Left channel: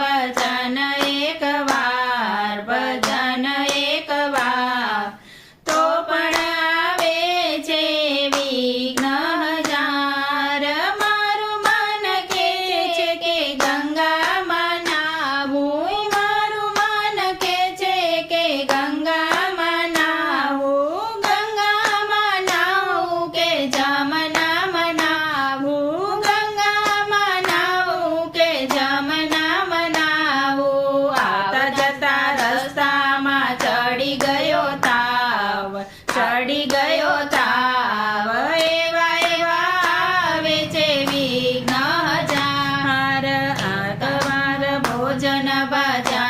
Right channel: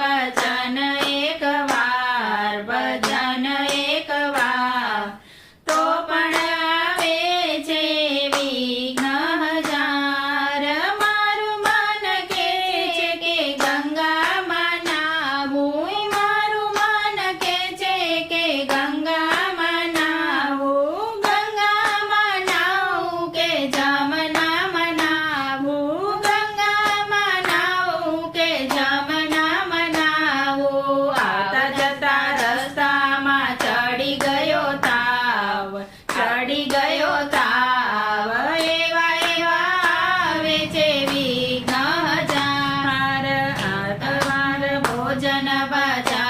बचन एक बार ચડી ગયો તાવ, ચડી ગયો તાવ, એવા એવા આવે છે વિઘ્ન હજાર. આ તમારા ભોજન, બાજા.